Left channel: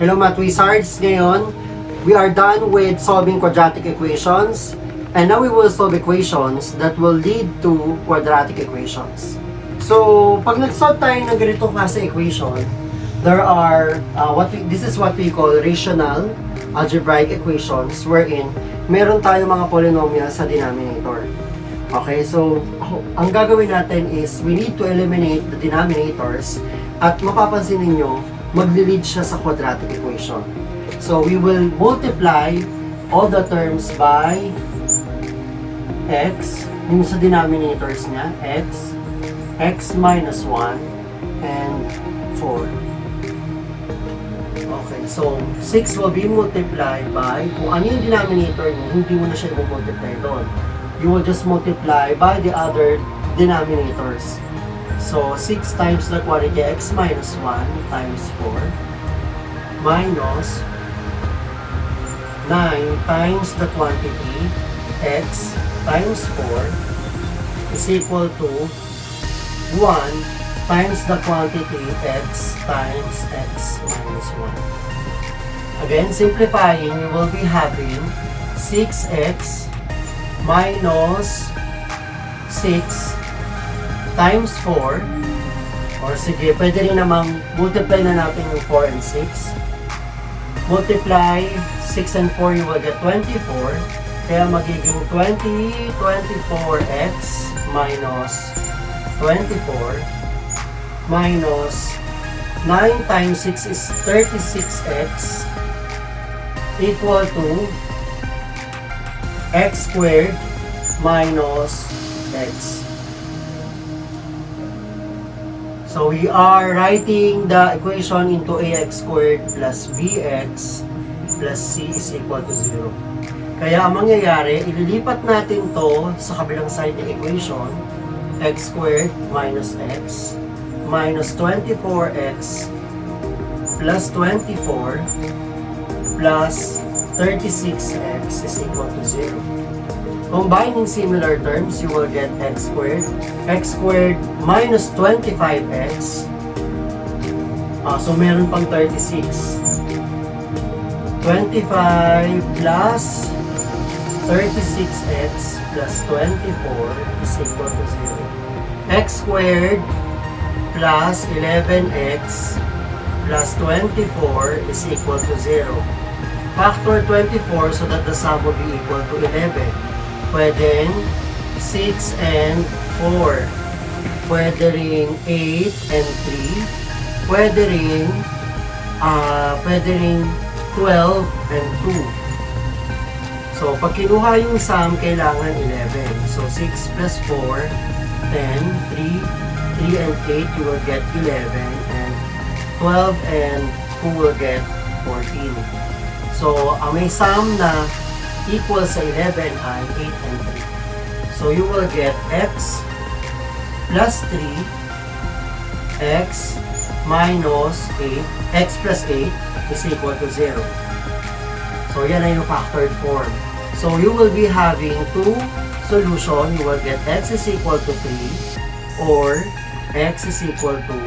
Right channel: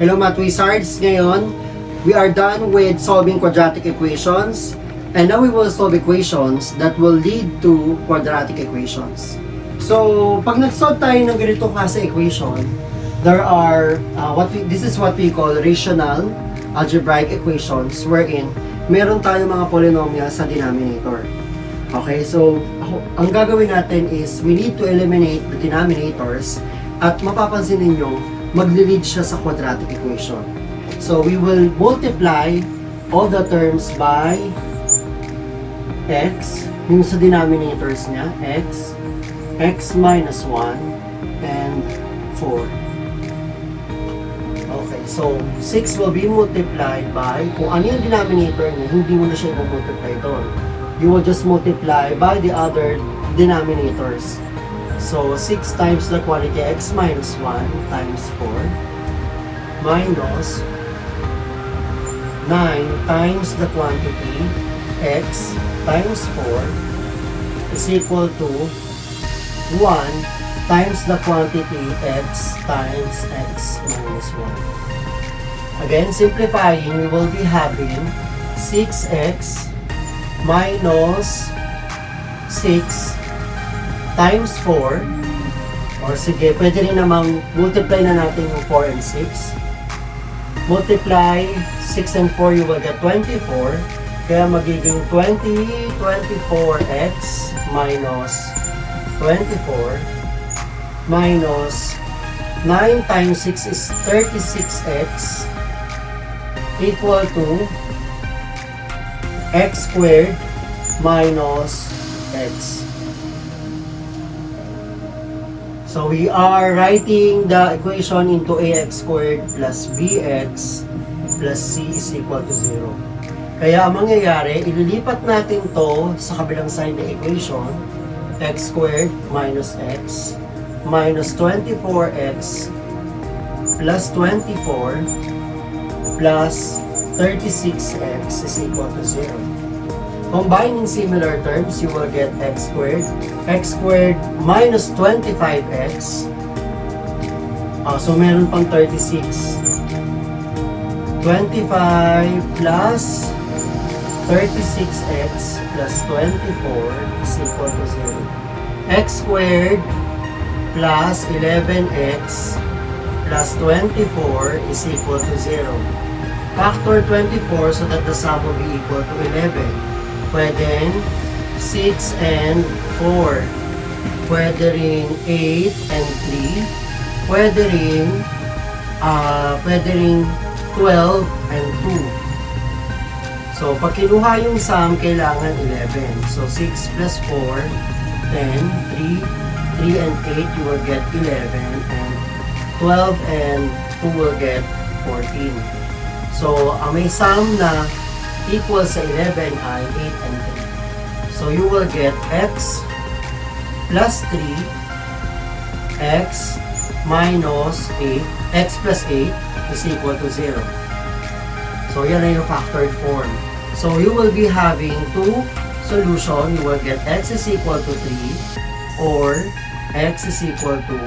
Hello Math Wizards! Ngayon, we are done with solving quadratic equations. And now we will solve equations that will lead to quadratic equations. So, pag nag-solve tayo ng ganitong klase equation, there are, this is what we call rational algebraic equations wherein meron tayong mga polynomial sa denominator. Okay, so ang gagawin natin is we need to eliminate the denominators at mapapansin ninyo, magli-lead siya sa quadratic equation. So we will multiply all the terms by x, yung sa denominators niya, x minus 1, and 4. Okay, so 6 will be multiplied by, kung ano yung denominator niya, hindi mo na siya i-multiply doon. You will just multiply by the other denominators. So 6 times the quantity x minus 1 times 4 minus 9 times the quantity x times 4 is equal to 1 times the quantity x times x minus 1. Again, simplifying, we will be having 6x minus 6 times 4, or sige, pwede rin namang multiply na natin yung 4 and 6. Multiply 6 and 4, you will get 24. Kaya magiging 24x minus 24 minus 9 times 6 is 36x equal to x squared minus x. So we are writing the equation into ax squared plus bx plus c is equal to 0. Kaya ang mangyayari, ililipat natin to sa kabilang side ng equation, x squared minus x minus 24x plus 24 plus 36x is equal to 0. Combining similar terms, you will get x squared minus 25x. So meron pang 36. 25 plus 36x plus 24 is equal to 0. X squared plus 11x plus 24 is equal to 0. Factor 24 so that the sum will be equal to 11. Pwede 6 and 4. Pwede rin 8 and 3. Pwede rin 12 and 2. So, pag kinuha yung sum, kailangan 11. So, 6 plus 4, 10, 3 and 8, you will get 11. And 12 and 2 will get 14. So, ang may sum na equal sa 11 ay 8 and 3. So, you will get x plus 3, x minus 8, x plus 8 is equal to 0. So, yan na yung factored form. So, you will be having two solution. You will get x is equal to 3 or x is equal to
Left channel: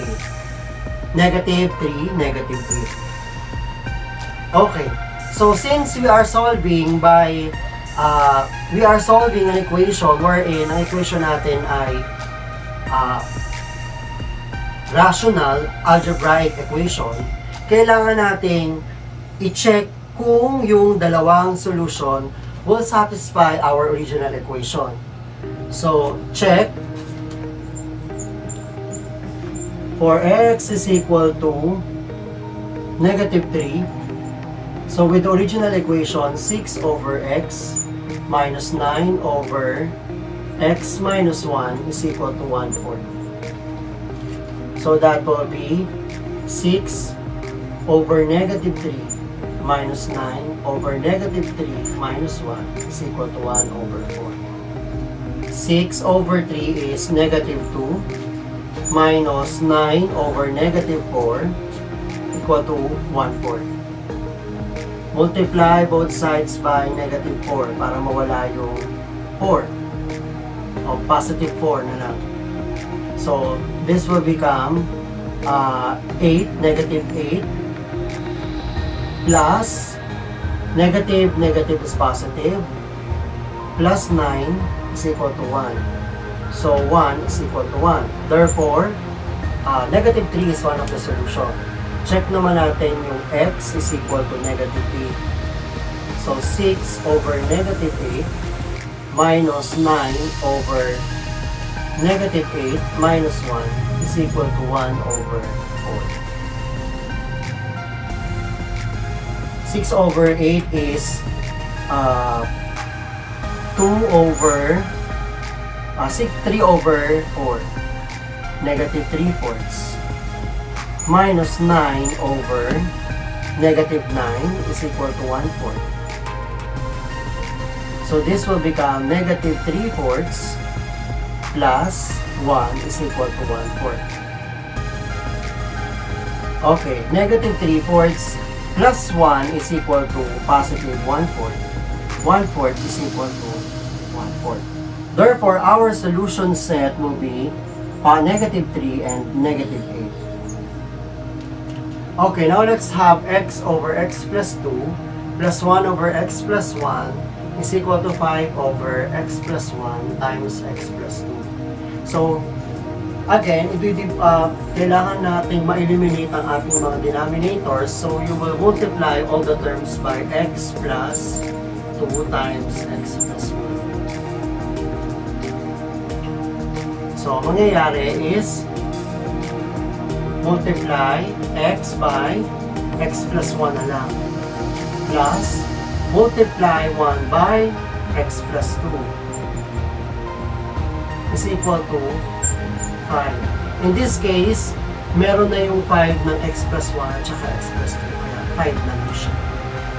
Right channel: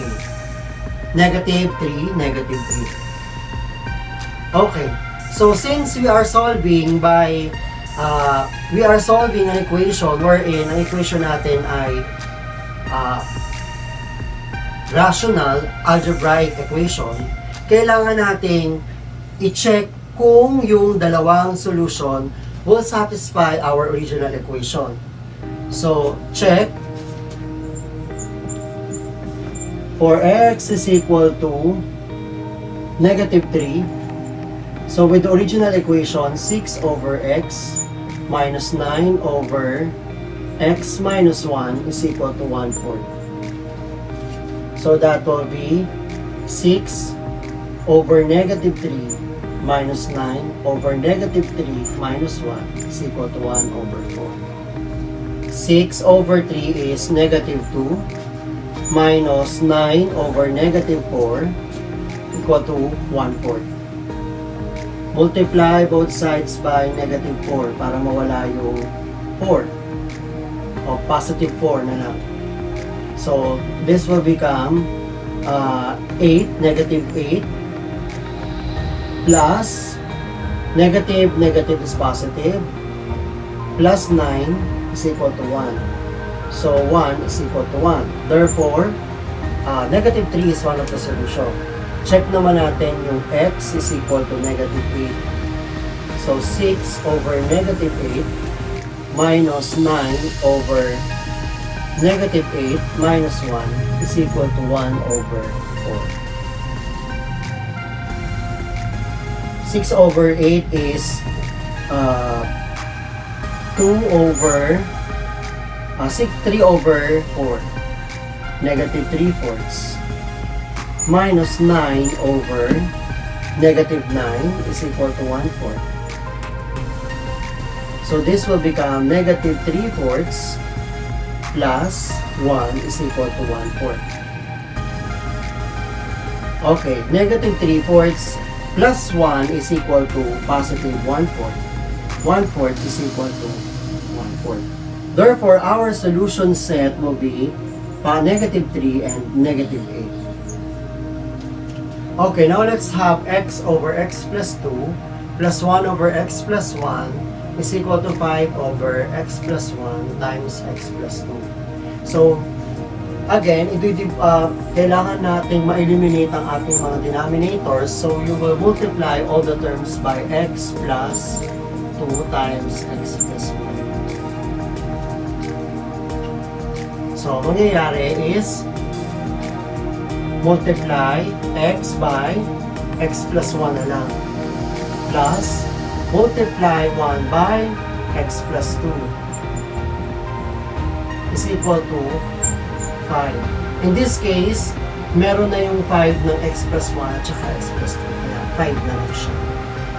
8. Negative 3, negative 3. Okay. So, since we are solving by, an equation wherein ang equation natin ay rational algebraic equation, kailangan nating i-check kung yung dalawang solution will satisfy our original equation. So, check for x is equal to negative 3. So, with the original equation, 6 over x minus 9 over x minus 1 is equal to 1/4. So, that will be 6 over negative 3 minus 9 over negative 3 minus 1 is equal to 1/4. 6 over 3 is negative 2 minus 9 over negative 4 equal to 1/4. Multiply both sides by negative 4 para mawala yung 4 o positive 4 na lang. So, this will become 8, negative 8 plus negative, negative is positive, plus 9 is equal to 1. So 1 is equal to 1. Therefore, negative 3 is one of the solution. Check naman natin yung x is equal to negative 8. So 6 over negative 8 minus 9 over negative 8 minus 1 is equal to 1 over 4. 6 over 8 is 3 over 4, negative 3/4, minus 9 over negative 9 is equal to 1/4. So this will become negative 3/4 plus 1 is equal to 1/4. Okay, negative 3/4 plus 1 is equal to positive 1/4. 1/4 is equal to 1/4. Therefore, our solution set will be negative 3 and negative 8. Okay, now let's have x over x plus 2 plus 1 over x plus 1 is equal to 5 over x plus 1 times x plus 2. So, again, kailangan nating ma-eliminate ang ating mga denominators. So, you will multiply all the terms by x plus 2 times x plus 1. So, mangyayari is multiply x by x plus 1 na lang plus multiply 1 by x plus 2 is equal to 5. In this case, meron na yung 5 ng x plus 1 at saka x plus 2. Kaya 5 na lang siya.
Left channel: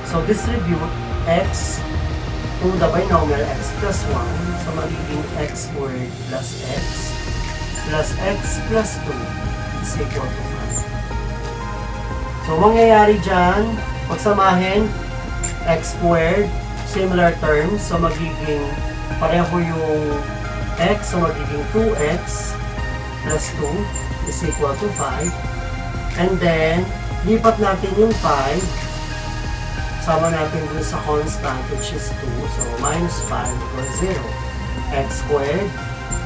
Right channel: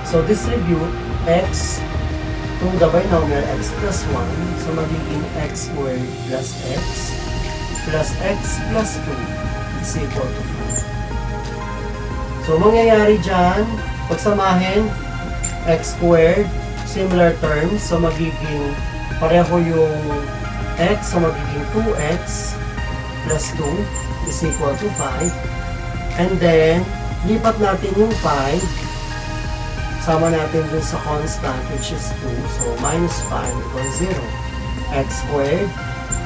So, distribute x to the binomial x plus 1. So, magiging x squared plus x plus 2 is equal to 5. So, mangyayari dyan, pagsamahin, x squared, similar terms, so magiging pareho yung x, so magiging 2x plus 2 is equal to 5. And then, lipat natin yung 5, sama natin dun sa constant, which is 2, so minus 5 equals 0. X squared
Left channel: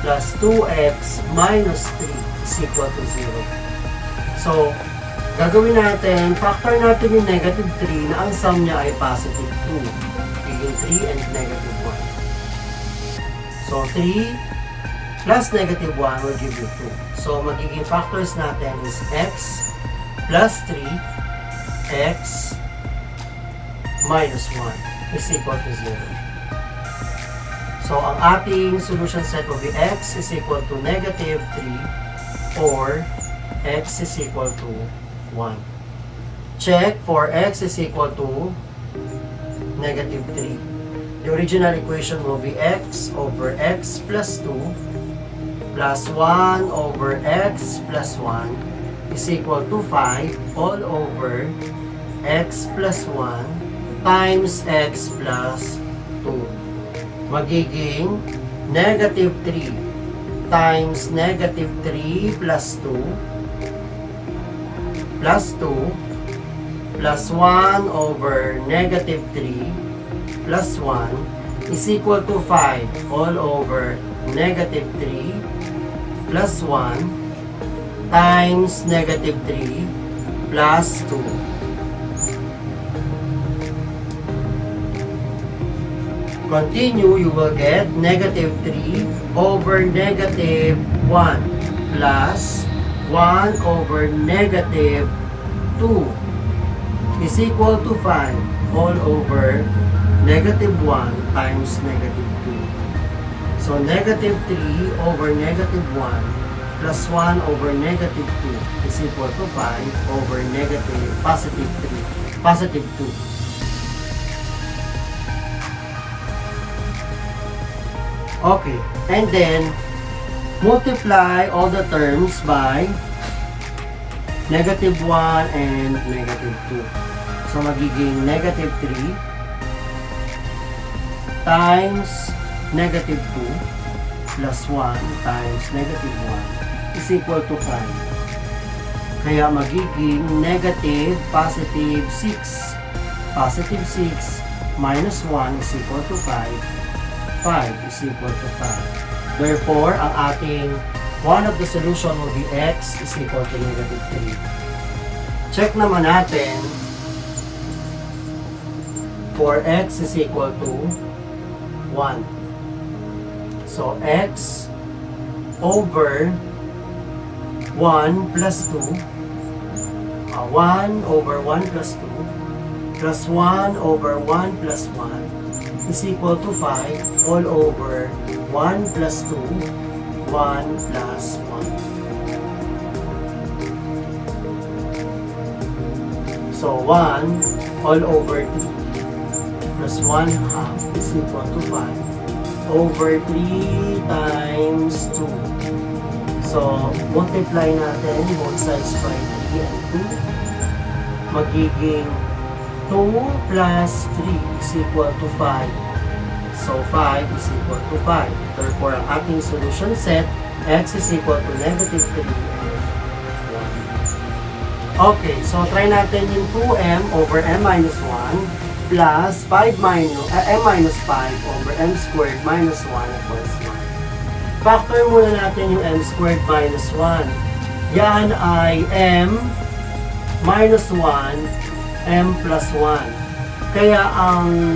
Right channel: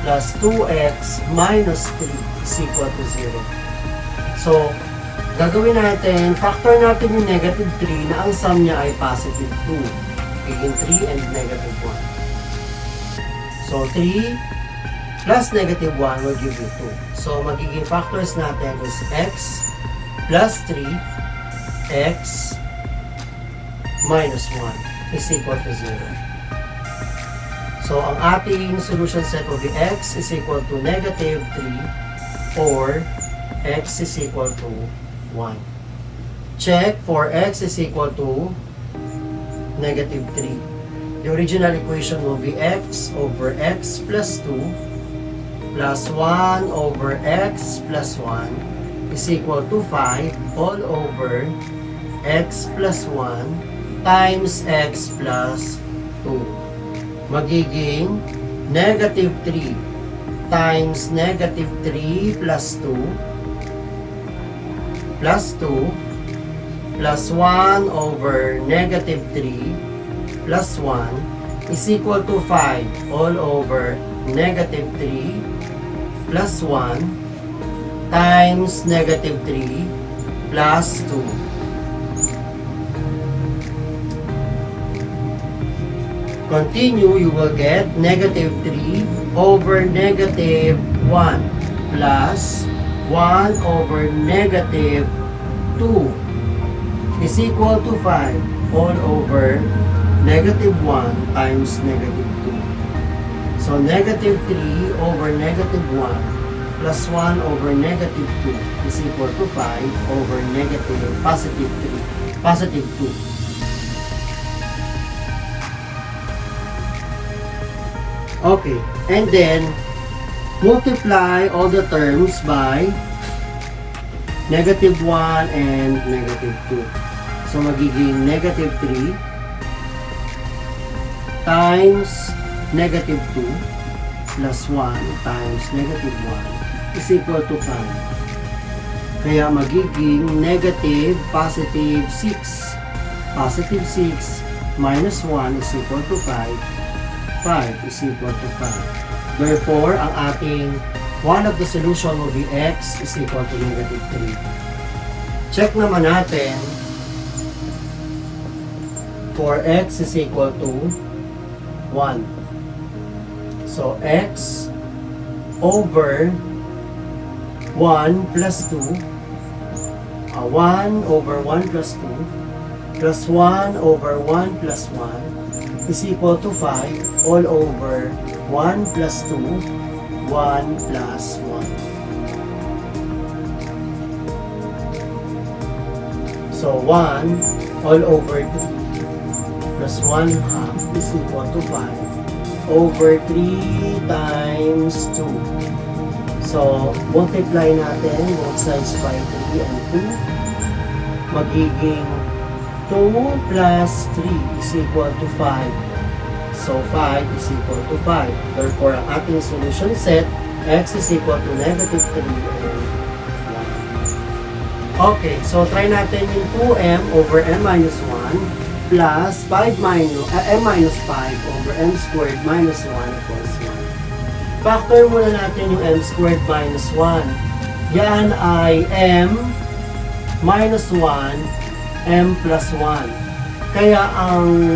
plus 2x minus 3 is equal to 0. So, gagawin natin, factor natin yung negative 3 na ang sum niya ay positive 2. Magiging 3 and negative 1. So, 3 plus negative 1 will give you 2. So, magiging factors natin is x plus 3, x minus 1 is equal to 0. So, ang ating solution set will be x is equal to negative 3 or x is equal to 1. Check for x is equal to negative 3. The original equation will be x over x plus 2 plus 1 over x plus 1 is equal to 5 all over x plus 1 times x plus 2. Magiging negative 3 times negative 3 plus 2 plus 2 plus 1 over negative 3 plus 1 is equal to 5 all over negative 3 plus 1 times negative 3 plus 2. Continue, you will get negative 3 over negative 1 plus 1 over negative 2 is equal to 5 all over negative 1 times negative 2. So, negative 3 over negative 1 plus 1 over negative 2 is equal to 5 over negative positive 3, positive 2. Okay, and then multiply all the terms by negative 1 and negative 2. So, magiging negative 3 times negative 2 plus 1 times negative 1 is equal to 5. Kaya magiging negative positive 6 positive 6 minus 1 is equal to 5. 5 is equal to 5. Therefore, ang ating one of the solution will be x is equal to negative 3. Check naman natin for x is equal to 1. So, x over 1 plus 2, 1 over 1 plus 2, plus 1 over 1 plus 1 is equal to 5 all over 1 plus 2, 1 plus 1. So 1 all over 3 plus 1 half is equal to 5 over 3 times 2. So multiply natin both sides by 3 and 2. Magiging 2 plus 3 is equal to 5. So 5 is equal to 5. Therefore, ang ating solution set, x is equal to negative 3 and 1. Okay, so try natin yung 2m over m minus 1 plus 5 minus, m minus 5 over m squared minus 1 equals 1. Factor muna natin yung m squared minus 1. Yan ay m minus 1 m plus 1. Kaya ang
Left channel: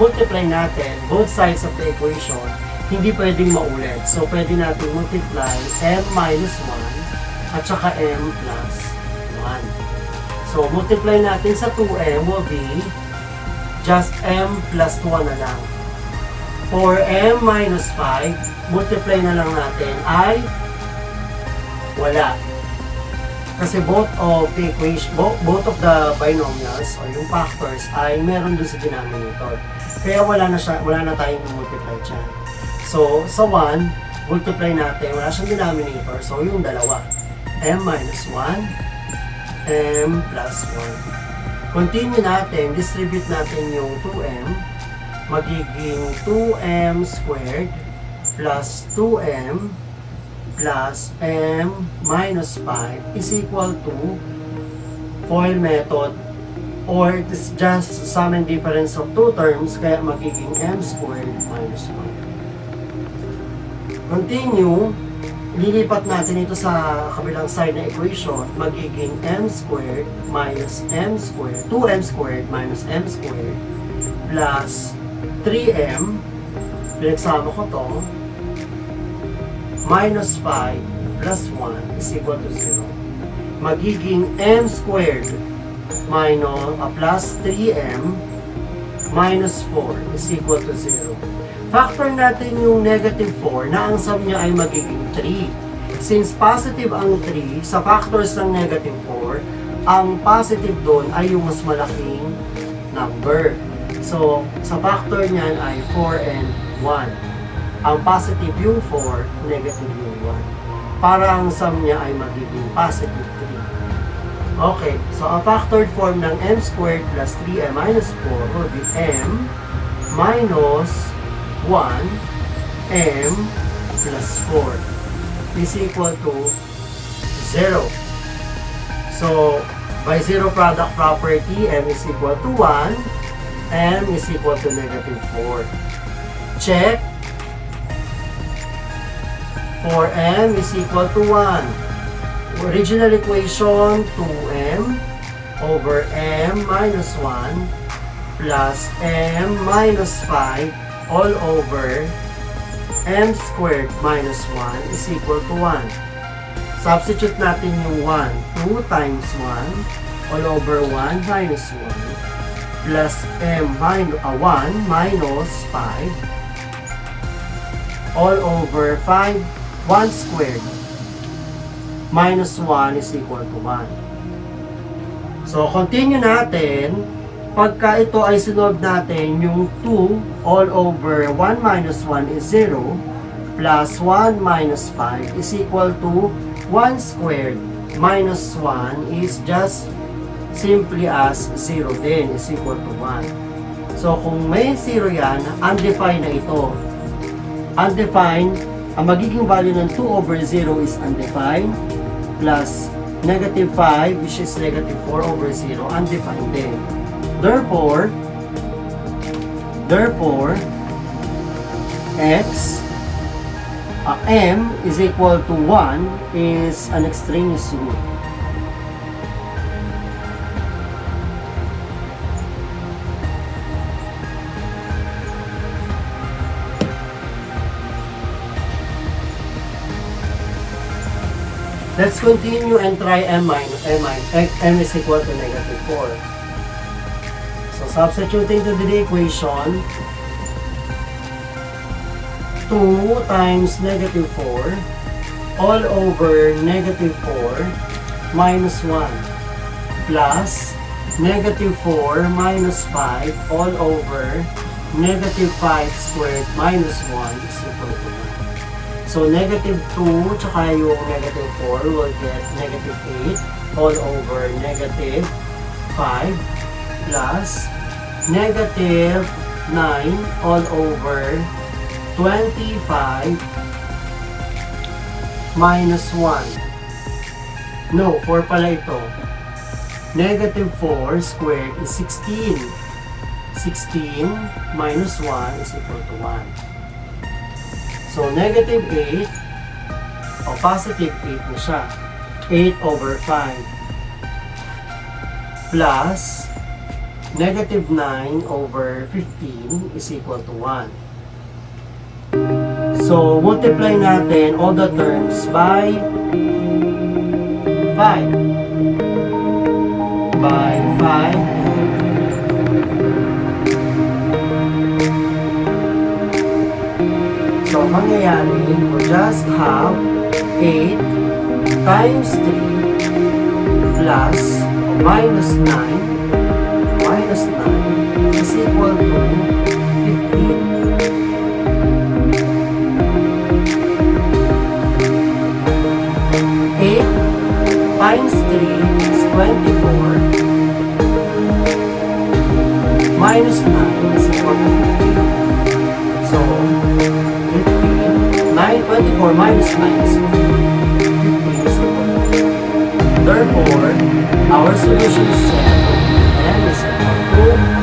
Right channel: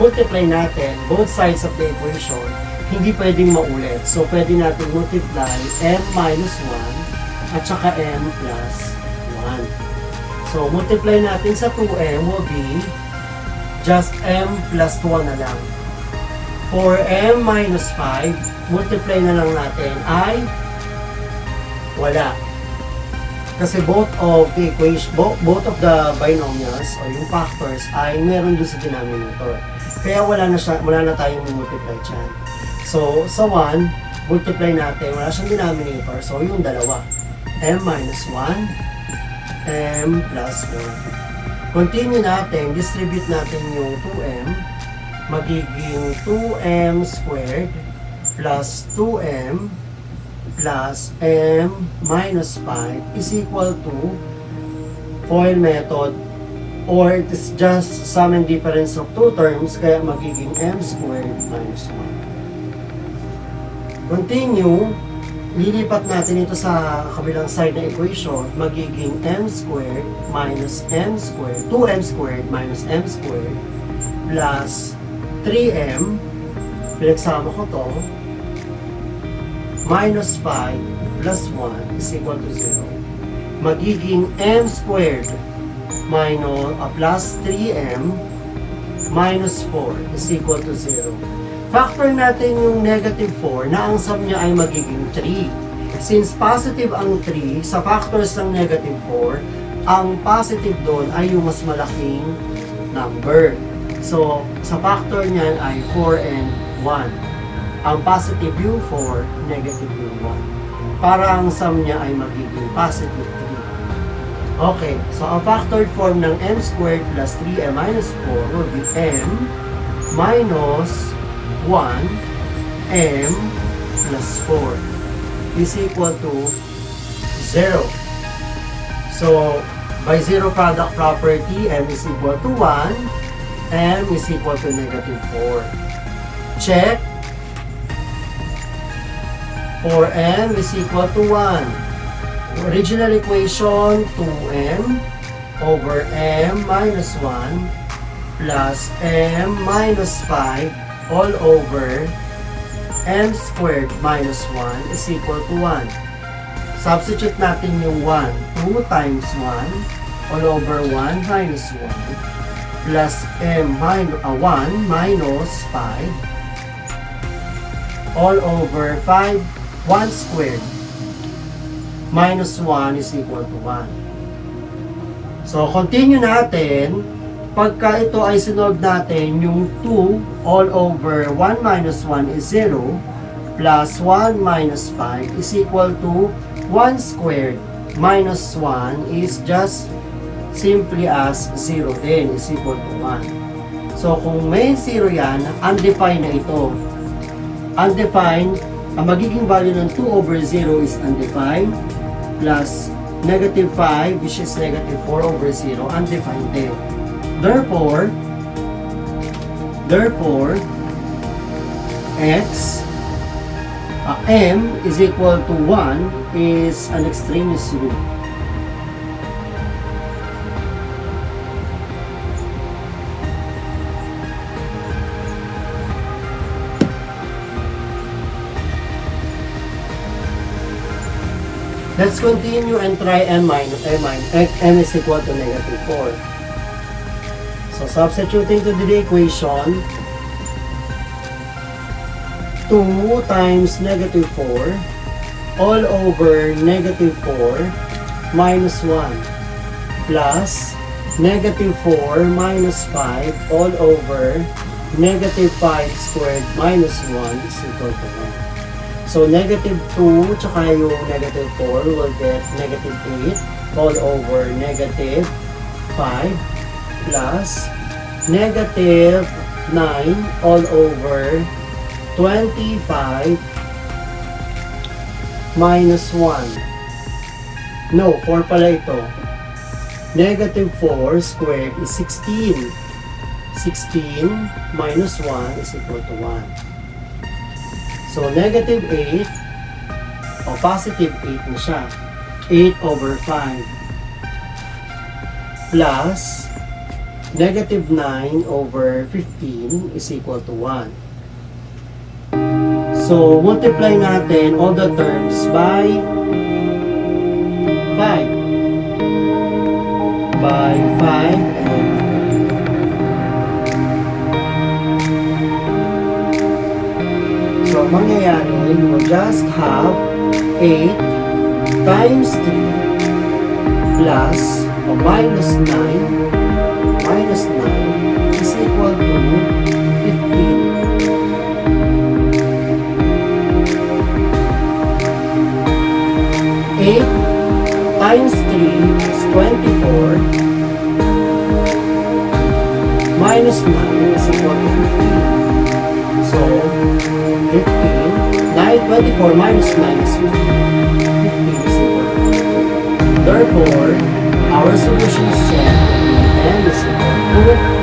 multiply natin, both sides of the equation, hindi pwedeng maulit. So, pwede natin multiply m minus 1 at saka m plus 1. So, multiply natin sa 2m will be just m plus 1 na lang. For m minus 5, multiply na lang natin ay wala. Kasi both of the equation, both of the binomials or yung factors ay meron doon sa denominator. Kaya wala na tayong multiply dyan. So, sa 1, multiply natin, wala siyang denominator. So, yung dalawa, m minus 1, m plus 1. Continue natin, distribute natin yung 2m, magiging 2m squared plus 2m plus m minus 5 is equal to FOIL method, or it is just sum and difference of two terms, kaya magiging m squared minus 1. Continue, lilipat natin ito sa kabilang side ng equation, magiging m squared minus m squared, 2m squared minus m squared plus 3m, pinagsama ko to, minus 5 plus 1 is equal to 0. Magiging m squared minus plus 3m minus 4 is equal to 0. Factor natin yung negative 4 na ang sum niya ay magiging 3. Since positive ang 3, sa factors ng negative 4, ang positive doon ay yung mas malaking number. So, sa factor niyan ay 4 and 1. Ang positive yung 4, negative yung 1. Para ang sum niya ay magiging positive 3. Okay, so ang factored form ng m squared plus 3m minus 4 will be m minus 1 m plus 4 is equal to 0. So, by zero product property, m is equal to 1, m is equal to negative 4. Check. For m is equal to 1. Original equation, 2m over m minus 1 plus m minus 5 all over m squared minus 1 is equal to 1. Substitute natin yung 1. 2 times 1 all over 1 minus 1 plus m minus 1 minus 5 all over 5 1 squared minus 1 is equal to 1. So, continue natin. Pagka ito ay sinolve natin, yung 2 all over 1 minus 1 is 0 plus 1 minus 5 is equal to 1 squared minus 1 is just simply as 0 din is equal to 1. So, kung may 0 yan, undefined na ito. Undefined, ang magiging value ng 2 over 0 is undefined plus negative 5 which is negative 4 over 0, undefined din. Therefore, m is equal to 1 is an extraneous root. Let's continue and try m is equal to negative 4. So substituting to the equation, 2 times negative 4 all over negative 4 minus 1 plus negative 4 minus 5 all over negative 5 squared minus 1 is equal to 1. So, negative 2 tsaka yung negative 4 will get negative 8 all over negative 5 plus negative 9 all over 25 minus 1. No, 4 pala ito. Negative 4 squared is 16. 16 minus 1 is equal to 1. So, negative 8 o positive 8 na siya. 8 over 5 plus negative 9 over 15 is equal to 1. So, multiply natin all the terms by 5. By 5 mangyayari, we'll just have 8 times 3 plus o minus 9 is equal to 15. 8 times 3 is 24 minus 9 is equal to 15. So, 24 minus 9 is 15. 15 is equal to 15. Therefore, our solution is set. N is equal to